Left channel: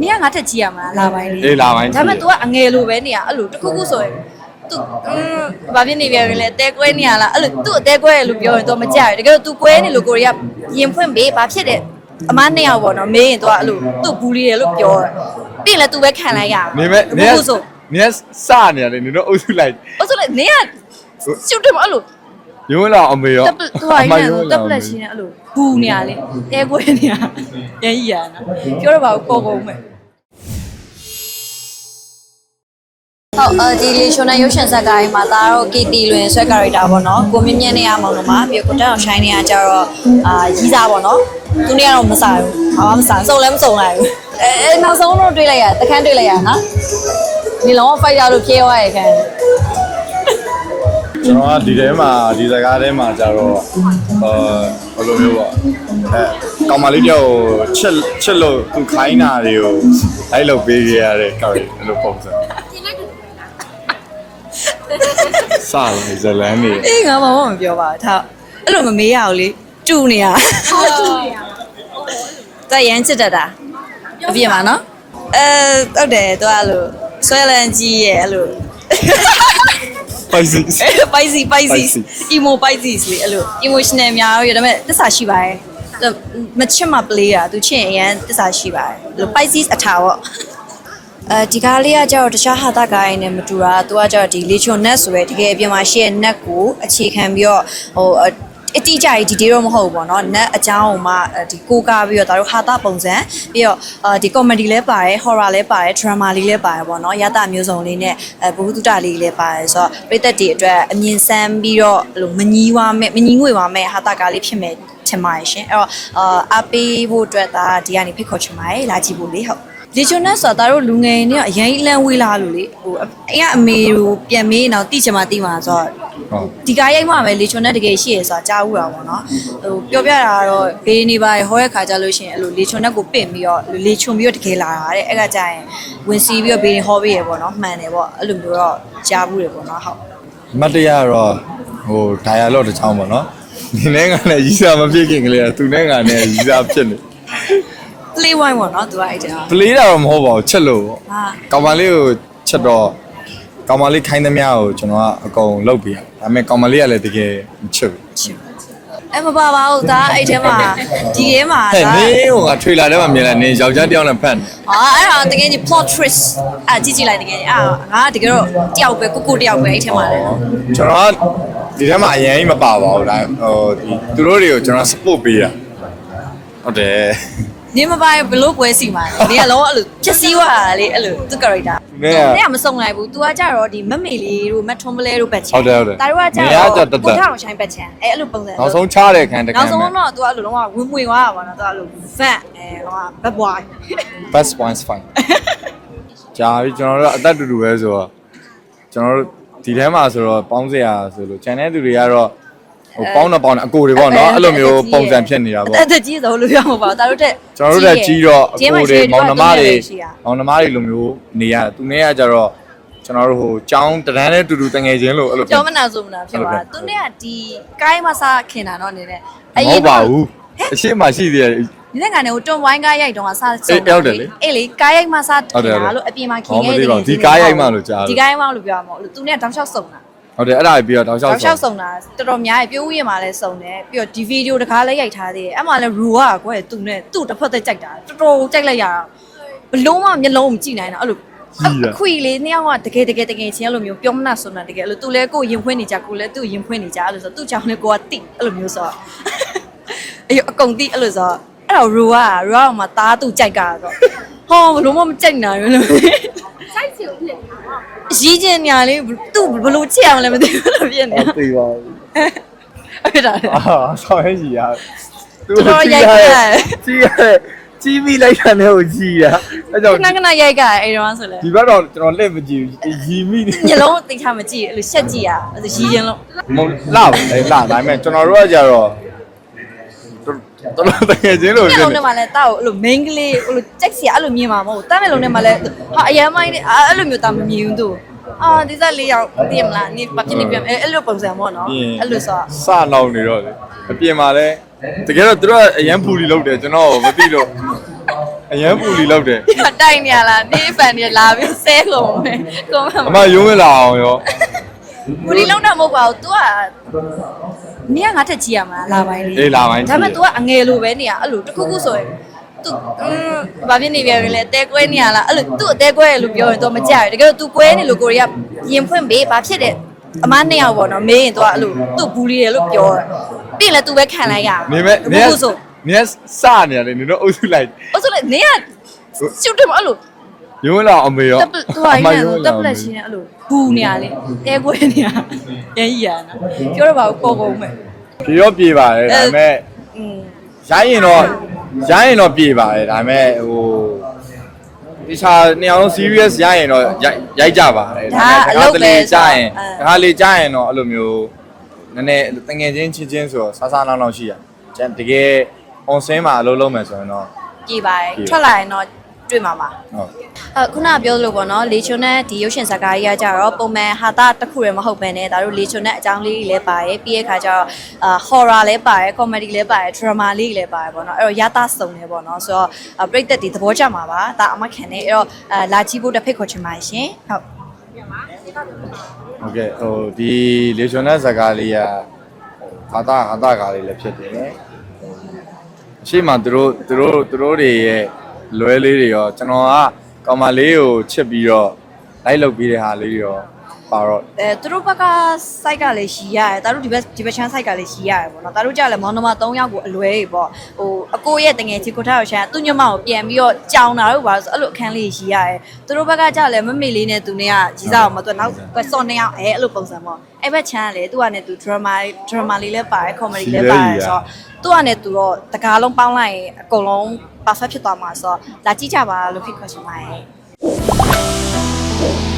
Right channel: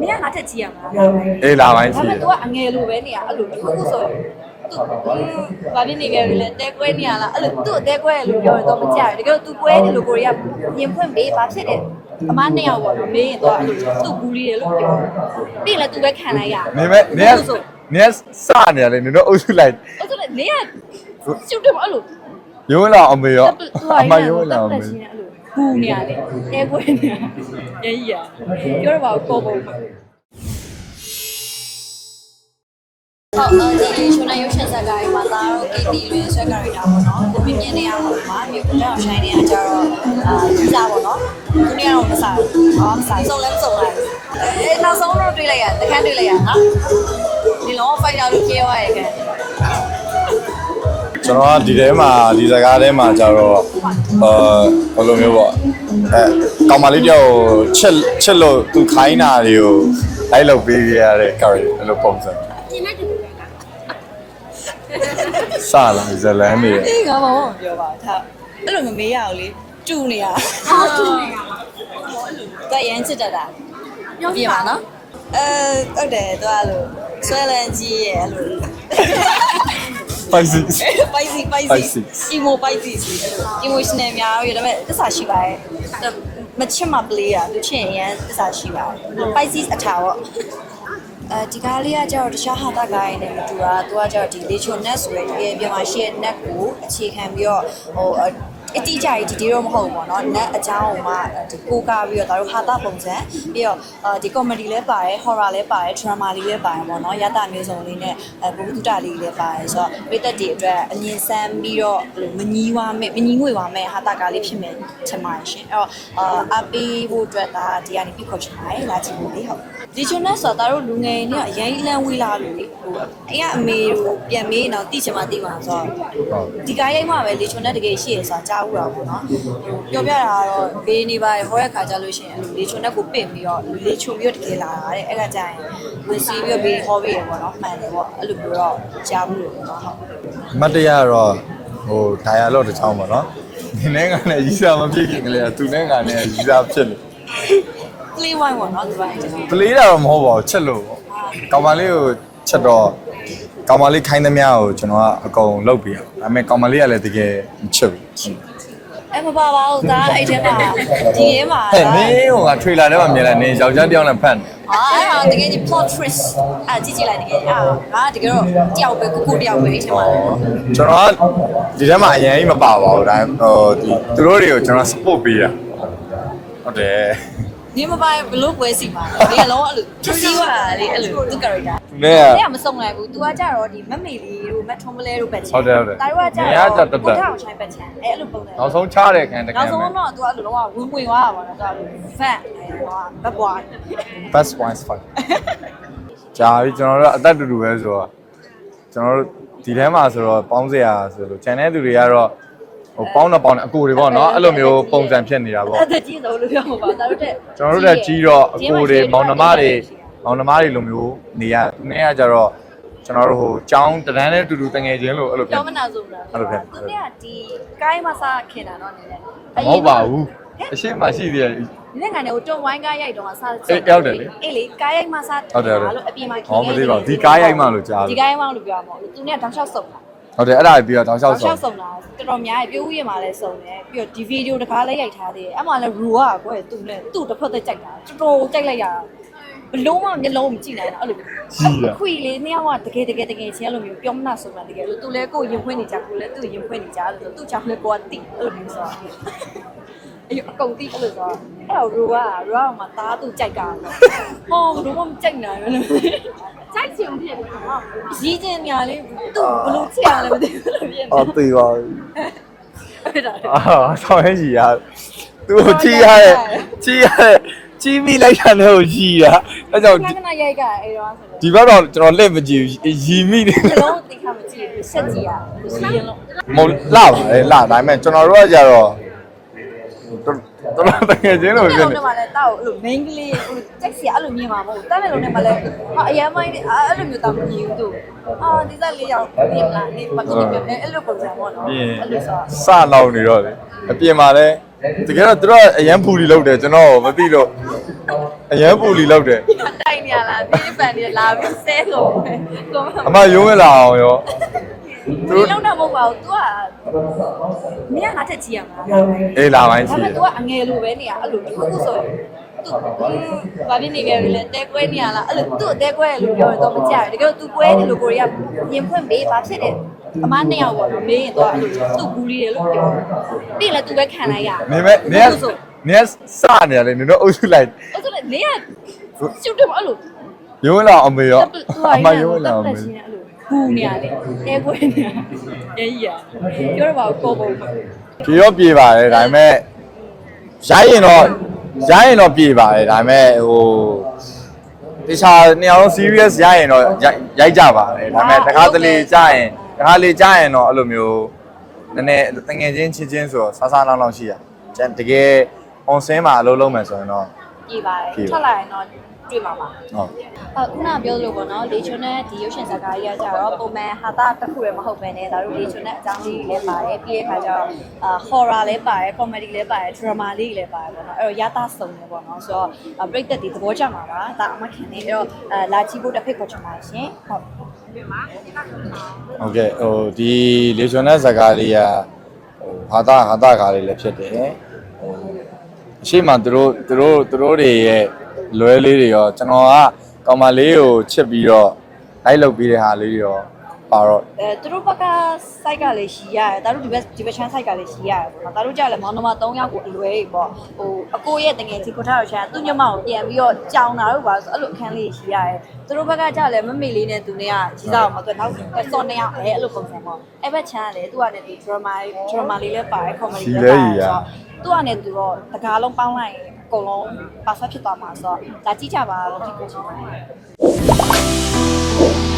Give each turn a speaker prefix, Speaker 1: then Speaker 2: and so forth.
Speaker 1: နင်ကငါထက်ကြီးရမှာလားလာပိုင်းလေး
Speaker 2: အေးလာပိုင်းကြီး
Speaker 1: ဒါပေမဲ့ तू ကအငယ်လိုပဲနေရအဲ့လိုတစ်ခုခုဆိုရင် तू ဘာဖြစ်နေပြန်ပြီလဲတဲကွဲနေရလားအဲ့လို तू အတဲကွဲရလို့ပြောရင် तू မကြရဘူးတကယ်လို့ तू ကွဲနေလို့ကိုရီးယားရင်ဖွင့်ပေးဘာဖြစ်တယ်အမနှစ်ယောက်ပေါ့နော်မေးရင် तू အဲ့လို तू ဘူးလီတယ်လို့ပြောတယ်ပြီးရင်လည်း तू ပဲခံလိုက်ရ
Speaker 2: နေမဲ့နေ
Speaker 1: ဘူးဆို
Speaker 2: နေစနေရလေနေတော့အုပ်စုလိုက်
Speaker 1: အဲ့ဆိုလေနင်ကရှုပ်တယ်မအဲ့လို
Speaker 2: ရုံးလာအမေရော
Speaker 1: တပ်သူက
Speaker 2: အမ
Speaker 1: ရ
Speaker 2: ရုံး
Speaker 1: တ
Speaker 2: လာ
Speaker 1: ပ်
Speaker 2: အ
Speaker 1: လက်
Speaker 2: မေ
Speaker 1: ရှိနေအဲ့လို ု ဘူနေရလေအဲကွေးနေရရန်ကြီးရနော်ပြောတော့ပါဘူးပုံပုံမဲ့ဟုတ်အဲဒီလီရှင်နဲ့ရုပ်ရှင်ဇာတ်ကားကြီးမှာဒါတော့ KT လွင်ဆွဲ character ပေါ့နော်ကိုမြင့်မြင့်နဲ့ရမှာလို့မှာပြီးကိုတက်အောင် shine နေရကြတော့အာကြီးစားပေါ့နော်သူနေကတော့မစားဘူးဘာမှမစားစုံလည်းမစုံလိုက်ဘူးအဲနောက်ဆုံးတော့တွေ့လိုက်ရတခန်းတွေ့လိုက်ရနော်ဒီလုံး fight ရလို့ပြေးသွားရခံ
Speaker 2: ကျွန်တော်ကဒီထဲမှာဒီစကားထဲမှာကြတော့အာဘယ်လိုမျိုးပေါ့အဲကောင်မလေးတယောက်ကိုချက်ချက်လို့သူခိုင်းတာတွေကိုလိုက်လုပ်ပေးရတဲ့ character အဲ့လိုပုံစံစလာဇလန်နေ
Speaker 1: အေးငါမမမပြောပါဘူးထားအဲ့လိုမမေးရဘူးလေတူနေရ
Speaker 3: ဟုတ်တူနေရပါ
Speaker 1: တော့ရမ်းချစ်တတ်တာအပြင်မှာနော်အဲဟုတ်တယ်သူကအဲ့လိုဆွဲလန်းကြီးရဲ့အဲ့လို
Speaker 2: ပိုက်စီ
Speaker 1: spicy spicy
Speaker 2: Spicy
Speaker 1: emo spicy လေအဲ့လို emotional များရဒါပေမဲ့တစ္ဆာရှိပါတယ်သူမချစ်မပလေးတာသူချစ်ရင်အရန်တစ္ဆာရှိပါတယ်အဲ့လို spicy အထာပေါ့အဲဒီကားလေးကကျတော့တခြားဟာတာကားရင်းနဲ့မတူတာသူကကျတော့ဒီ legion net ဆိုရယ်တကယ်အပြင်မှာရှိရဲ့ net ကိုအခြေခံပြီးတော့ဟို အတိအကျကြီးဒီတေးတော့မဟုတ်ဘူးပေါ့နော် net အကြောင်းကိုမှဒီကိုကားပြီးတော့ဒါတို့ဟာတာပုံစံပြီးတော့အာဒီ comedy လည်းပါတယ် horror လည်းပါတယ် drama လေးလည်းပါတယ်ပေါ့နော်ရတာမျိုးစုံလေးနဲ့အဲဘုဟုတုတလေးလည်းပါတယ်ဆိုတော့ပြည်သက်တွေအတွက်အမြင်ဆန်းပြီးတော့အဲ့လိုမငီးဝါမဲ့မငီးငွေဝါမဲ့ဟာတာကားလေးဖြစ်မယ်ထင်ပါတယ်ရှင်အဲ့တော့အာအပေးဖို့အတွက်ဒါဒီကနေဖိတ်ခေါ်ချင်ပါတယ်လာကြည့်ဖို့လေဟုတ် လေဂျွန်နက်ဆိုတာတို့လူငယ်တွေကအရင်လန်းဝေးလာလို့လေဟိုအဲ့ကအမေကိုပြန်မေးတော့တိချင်မှတိမှာဆိုတော့
Speaker 2: ဟုတ်
Speaker 1: ဒီကားရိုက်မှပဲလေချွန်နဲ့တကယ်ရှိရဆိုတာကြားဦးတာပေါ့နော်ဟိုပြောပြတာကတော့ဘေးနေပါရဟောတဲ့ခါကြလို့ရှိရင်အဲ့လိုလေချွန်နဲ့ကိုပင့်ပြီးတော့လေချွန်ပြီးတော့တကယ်လာတာတဲ့အဲ့ကကြရင်ဝင်စီပြီးတော့ဘေးနေဟောပေးရပေါ့နော်မှန်တယ်ပေါ့အဲ့လိုမျိုးတော့ကြားဘူးတယ်ပေါ့နော်ဟုတ်
Speaker 2: မတ်တရားတော့ဟို dialogue တစ်ချောင်းပေါ့နော်ဒီနေ့ကလည်းရီးစားမဖြစ်ခင်ကလေးကသူနဲ့ကလည်းရီးစားဖြစ်နေ
Speaker 1: play wine ပေါ့နော်သူကအဲ့ဒါ
Speaker 2: ပလေးတာတော့မဟုတ်ပါဘူးချက်လို့ပေါ့
Speaker 1: ဟာ
Speaker 2: ကောင်မလေးကိုချက်တော့ကောင်မလေးခိုင်းသမျှကိုကျွန်တော်ကအကုန်လုပ်ပြရဒါပေမဲ့ကောင်မလေးကလည်းတကယ်မချစ်ဘူး
Speaker 1: အဲ့မပါပါဘူးဒါအဲ့ထဲမှာဒီထဲမှာ
Speaker 2: ဟဲ့နင်းဟိုကထွေလာထဲမှာမြင်လိုက်နင်းယောက်ျားတစ်ယောက်နဲ့ဖတ်နေ
Speaker 1: ဟာအဲ့ဒါတကယ်ကြီး plot twist အဲ့ကြည့်ကြည့်လိုက်တကယ်ကြီးအာငါတကယ်တော့တယောက်ပဲကိုကိုတယောက်ပဲအဲ့ထဲမှာလေ
Speaker 2: ကျွန်တော်ကဒီထဲမှာအရင်ကြီးမပါပါဘူးဒါဟိုဒီသူတို့တွေကိုကျွန်တော် support ပေးတာဟုတ်တယ်
Speaker 1: နင်းမပိုင်ဘလို့ပွဲစီမှာလဲဒီကလောအဲ့လိုချက်စီးသွားတာလေအဲ့လိုသူ character
Speaker 2: သူနဲ့က
Speaker 1: တဲ့ကမစုံလိုက်ဘူး။ तू ကကြတော့ဒီမက်မေလေးတို့မက်ထွန်ပလဲတို့ပတ်ချင်
Speaker 2: ဟုတ်တယ်ဟုတ်တယ်
Speaker 1: ဒါတို့ကကြ
Speaker 2: နေရာ
Speaker 1: တော့
Speaker 2: ကတက်တက်
Speaker 1: ကိုထောင်ဆိုင်ပတ်ချင်အဲအဲ့လိုပုံစံ
Speaker 2: နောက်ဆုံးချတဲ့ခံတ
Speaker 1: နော
Speaker 2: ခံ
Speaker 1: က်ဆုံး
Speaker 2: မဲ့
Speaker 1: တော့ तू အဲ့လိုလုံးဝဝင်ဝင်သွားတာပါနော် तू အဲ့လို fat အဲဟိုဘက်ဘွား
Speaker 2: best points fine ကြာပြီကျွန်တော်တို့အသက်တူတူပဲဆိုတော့ကျွန်တော်တို့ဒီထဲမှာဆိုတော့ပေါင်းစရာဆိုလို့ channel သူတွေကတော့ ဟိုပေါင်းတော့ပေါင်းတယ်အကိုတွေပေါ့နော်အဲ့လိုမျိုးပုံစံဖြစ်နေတာပေါ့
Speaker 1: အဲ့ဒါကြီးဆုံးလို့ပြောမှာပါဒါတို့တက်
Speaker 2: ကျွန်တော်တို့တက်ကြီးတော့အကိုတွေမောင်နှမတွေမောင်နှမတွေလိုမျိုးနေရသူနဲ့ကကြတော့ကျွန်တော်တို့ဟိုចောင်းတန်းနဲ့တူတူတငယ်ချင်းလို့အဲ့လိုဖြစ်
Speaker 1: ကျောင်းမနာဆိုမနာဖြစ်သွားသူနဲ့ကဒီကိုင်းမစားခင်တာတော့နေတယ်
Speaker 2: မဟုတ်ပါဘူးအရှိမရှိသေးတယ်
Speaker 1: ဒီနေ့ကနေဟိုတွန်ဝိုင်းကားရိုက်တော့စား
Speaker 2: အေးဟုတ်တယ်လေ
Speaker 1: အေးလေကားရိုက်မှစား
Speaker 2: ဟုတ်တယ်ဟုတ်တယ်
Speaker 1: လို့အပြင်မှာခင်
Speaker 2: ဟောမသိပါဘူးဒီကားရိုက်မှလို့ကြားတယ်
Speaker 1: ဒီကားရိုက်မှလို့ပြောမှာမဟုတ်လို့သူနဲ့တောင်လျှောက်စုံတာ
Speaker 2: ဟုတ်တယ်အဲ့ဒါပြီးတော့တောက်လျှောက်
Speaker 1: တောက်လျှော
Speaker 2: ဆုံး
Speaker 1: က်စုံတာတော်တော်များကြီးပြိုးရင်မှလည်းစုံတယ်ပြီးတော့ဒီဗီဒီယိုတစ်ခါလည်းရိုက်ထားသေးတယ်အဲ့မှာလည်းရူကကွယ်သူနဲ့သူ့တစ်ဖက်သက်ကြိုက်တာတော်တော်ကြိုက်လိုက်ရတာဘလုံးဝမျက်လုံးမကြည့်နိုင်တော့အဲ့လို
Speaker 2: ကြီးတာ
Speaker 1: ခွေလေးနှစ်ယောက်ကတကယ်တကယ်တကယ်ချင်းအဲ့လိုမျိုးပြောမနာဆိုတာတကယ်အဲ့လိုသူလည်းကိုယ်ရင်ဖွင့်နေကြကိုယ်လည်းသူ့ရင်ဖွင့်နေကြအဲ့လိုဆိုသူ့ကြောင့်လည်းကိုကတိအဲ့လိုမျိုးဆိုတော့အေးအကုန်တိအဲ့လိုဆိုတော့အဲ့တော့ရူကရူကမှသားသူကြိုက်တာဆိုဟောဘလုံးဝမကြိုက်နိုင်ဘူးလို့
Speaker 3: စိုက်ချ င်ဖြစ်နေပေါ့
Speaker 1: ရီးကျင်ညာလေးသူ့ဘလို့ချစ်အောင်လည်းမသိဘူးလို့ဖြစ်နေ
Speaker 2: အော်သေးပါဘူး
Speaker 1: အဲ့ဒါ
Speaker 2: အာဆောင်းရရှိရသူ
Speaker 1: တော်တော်
Speaker 2: ကြည့်
Speaker 1: ရို
Speaker 2: ရ
Speaker 1: က်
Speaker 2: တဲ့
Speaker 1: တယ်
Speaker 2: ကြည့်ရတဲ့ကြီးမိလိုက်တာနဲ့ကိုကြီးတာအဲကြောင့်
Speaker 1: ခဏခဏရိုက်ကအဲ့တော့ဆိုလဲ
Speaker 2: ဒီဘက်တော့ကျွန်တော်လက်မကြည့်ဘူးရီမိနေ
Speaker 1: ညလုံးသိချာမကြည့်အဲ့လိုရှက်ကြည့်ရအဲ့ဒါရီးရင်လို့
Speaker 2: မဟုတ်လှပါလေလှဒါပေမဲ့ကျွန်တော်တို့ကကြတော့ တော်တော်တကယ်ချင်းလို့
Speaker 1: ည
Speaker 2: ဖြစ်
Speaker 1: လုံး
Speaker 2: နေ
Speaker 1: ထဲမှာလဲတောက်အဲ့လို main ကလေးအဲ့လိုကြက်စီအဲ့လိုမြင်မှာမဟုတ်ဘူးတမ်းမဲ့လုံးထဲမှာလဲဟာအရန်မိုင်းအဲ့လိုမျိုးတာမမြင်ဘူးသူအာဒီစားလေးရောက်တည်မလားနေပါပြနေပြအဲ့အဲ့လိုပုံစံပေါ့နော်အဲ့လိုဆို
Speaker 2: စနောက်နေတော့လေအပြင်မှာလဲတကယ်တော့သူတို့ကအရန်ဖူလီလောက်တယ်ကျွန်တော်မသိလို့အအရန်ပူလီလောက်တယ်
Speaker 1: တိုင်နေရလားနေဖန်နေလာပြီးဆဲကုန်မယ်ကွန်မန့်
Speaker 2: အမရုံးဝင်လာအောင်ရော
Speaker 1: ဘူးဒီလုံးတော့မဟုတ်ပါဘူး तू ကနေကငါထက်ကြည့်ရမှာလာပိုင်းလေး
Speaker 2: အေးလာပိုင်းကြ
Speaker 1: ဒါ
Speaker 2: ည့်
Speaker 1: ပေ
Speaker 2: ရ
Speaker 1: မဲ့ तू ကအငယ်လိုပဲနေရအဲ့လိုတစ်ခုခုဆိုရင် तू ဘာဖြစ်နေပြန်လဲတဲကွဲနေရလားအဲ့လို तू အတဲကွဲရလို့ပြောရင် तू မကြရဘူးတကယ်လို့ तू ကွဲနေလို့ကိုရီးယားရင်ဖွင့်ပေးဘာဖြစ်တယ်အမနှစ်ယောက်ပေါ့နော်မေးရင် तू ကအဲ့လို तू ဘူးလီတယ်လို့ပြောတယ်ပြီးရင်လည်း तू ပဲခံလိုက်ရ
Speaker 2: နေမဲ့နေ
Speaker 1: ဘူးဆို
Speaker 2: နေစနေရတယ်နေတော့အုပ်စုလိုက်
Speaker 1: အဲ့ဆိုလေနေကရှုပ်တယ်မအဲ့လို
Speaker 2: ရုံးဝင်လာအမေရော
Speaker 1: တပ်ပသူက
Speaker 2: အ
Speaker 1: ရ
Speaker 2: မ
Speaker 1: င်
Speaker 2: ရုံးဝင်
Speaker 1: တ
Speaker 2: လာ
Speaker 1: ပ်
Speaker 2: အ
Speaker 1: ပ
Speaker 2: မေ
Speaker 1: လက်ရှိနေအဲ့လို ဘူးနေရလေတဲကွဲနေရရန်ရနော်ပြောတော့ပါဘူးပေါ်ကုန်မယ်
Speaker 2: ပြေရောပြေပါတယ်ဒါပေမဲ့
Speaker 1: อืม
Speaker 2: ရိုင်းရင်တော့ရိုင်းရင်တော့ပြေပါတယ်ဒါပေမဲ့ဟိုတခြားနေအောင်လုံး serious ရိုင်းရင်တော့ရိုက်ရိုက်ကြပါတယ်ဒါပေမဲ့တခါတလေကြာရင်တခါလေကြာရင်တော့အဲ့လိုမျိုးနည်းနည်းတငယ်ချင်းချင်းချင်းဆိုတော့ဆာဆာလောင်းလောင်းရှိရကျန်တကယ် on scene မှာအလုပ်လုပ်မယ်ဆိုရင်တော့
Speaker 1: ကြည်ပါတယ်
Speaker 2: ကြည်ပါ
Speaker 1: ထွက်လာရင်တော့ တွေ့မှာပါ
Speaker 2: ဟုတ်
Speaker 1: အခုနပြောလို့ပေါ့နော်လေချုံနဲ့ဒီရုပ်ရှင်ဇာတ်ကားကြီးကကြတော့ပုံမှန်ဟာတာတစ်ခုတည်းမဟုတ်ပဲねဒါတို့လေချုံနဲ့အကြောင်းလေးတွေလည်းပါတယ်ပြီးရခါကျတော့အာ horror လည်းပါတယ် comedy လည်းပါတယ် drama လေးလည်းပါတယ်ပေါ့နော်အဲ့တော့ရတာစုံတယ်ပေါ့နော်ဆိုတော့ပြိတ္တတွေသဘောကျမှာပါဒါအမခံနေအဲ့တော့လာကြည့်ဖို့တစ်ဖိတ်ခေါ်ချင်ပါရှင်ဟုတ်
Speaker 2: ဟုတ်ကဲ့ဟိုဒီလေချုံနဲ့ဇာတ်ကားလေးကဟာတာဟာတာကားလေးလည်းဖြစ်တယ်ဟိုအရှိမသူတို့သူတို့သူတို့တွေရဲ့ လွဲလေးတွေရောကျွန်တော်ကကောင်မလေးကိုချစ်ပြီးတော့လိုက်လုပ်ပြီးတဲ့ဟာလေးတွေရောပါတော့
Speaker 1: အဲသူတို့ဘက်က site ကလည်းရှိရတယ်ဒါတို့ဒီဘက်ဒီဘက်ချမ်း site ကလည်းရှိရတယ်ပေါ့နော်ဒါတို့ကြလည်းမောင်နှမ3ယောက်ကိုအလွဲတွေပေါ့ဟိုအကိုရဲ့တငယ်ချင်းကိုထားရောက်ချမ်းသူညမကိုပြန်ပြီးတော့ကြောင်တာတို့ပါဆိုအဲ့လိုအခန်းလေးရှိရတယ်သူတို့ဘက်ကကြလည်းမမေလေးနဲ့သူနဲ့ကကြီးစားအောင်မသူနောက်ကွစော်နှစ်ယောက်အဲအဲ့လိုပုံစံပေါ့အဲ့ဘက်ချမ်းကလည်းသူကလည်းသူ drama drama လေးလည်းပါတယ် comedy လည်းပါတယ်ဆိုတော့ သူ့အနေနဲ့သူတော့တကားလုံးပေါင်းလိုက်ရင်အကုန်လုံး perfect ဖြစ်သွားမှာဆိုတော့လာကြည့်ကြပါလို့ဖိတ်ခေါ်ချင်ပါတယ်